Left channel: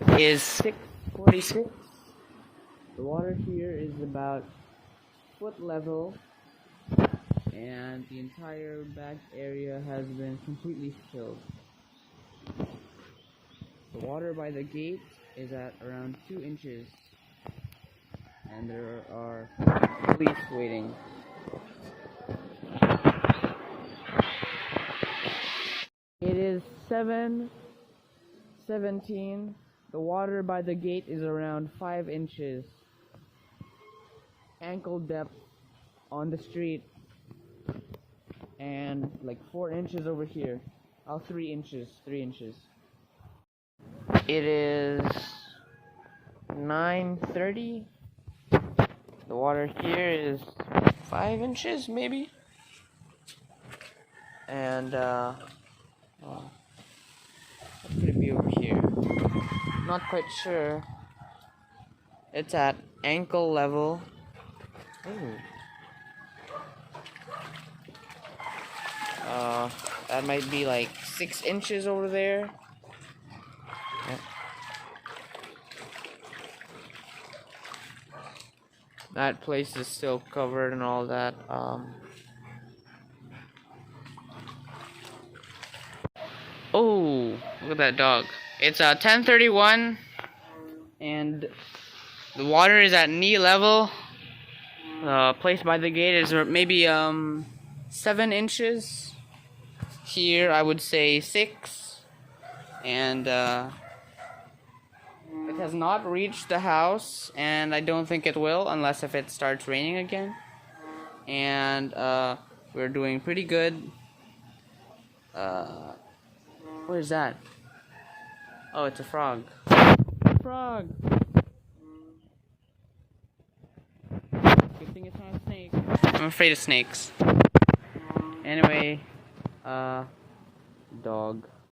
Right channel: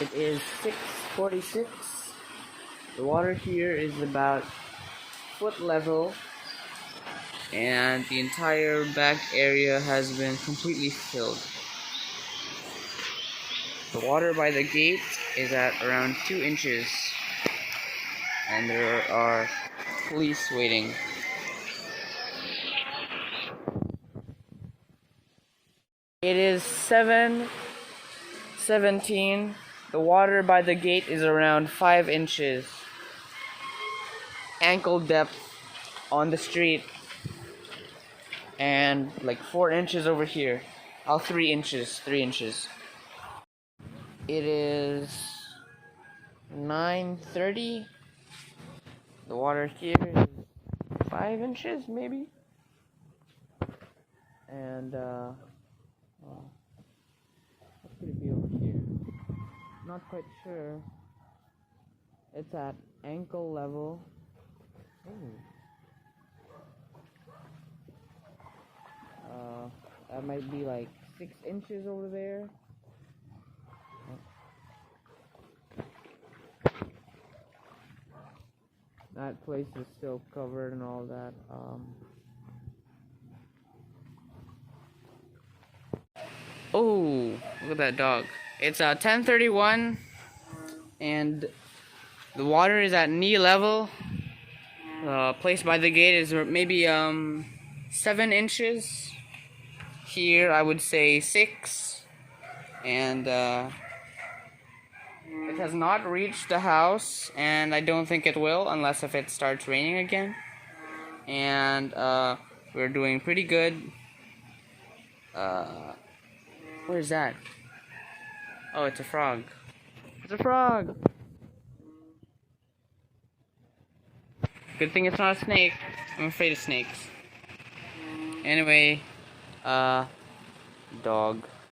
It is 6:46. The water here is about foot level, and the entire back area has been completely filled. The water by the gate is at around 2 inches, and there are police waiting. It is 7:17. The water by the gate is around 5 inches. Ankle depth on the street, and like 4 inches over here. 3 inches. It is 9:30. The water here is 5 inches, maybe. And what could it be over here? Not quite sure. It's at ankle level. Ooh. That might be like 6 inches over there. Yep. That place is still covered and all that. Oh, look at that dog. It's 10:31, and the water is at knee level. The place by the gate is maybe 7 inches. Here I would say 6, and it has not reached the house, and I don't think it will unless if it starts raining again. And we're doing pretty good. What is that? Oh, it's a frog. It's a frog. Good thing it's not a snake. I'm afraid of snakes. Anyway, dog.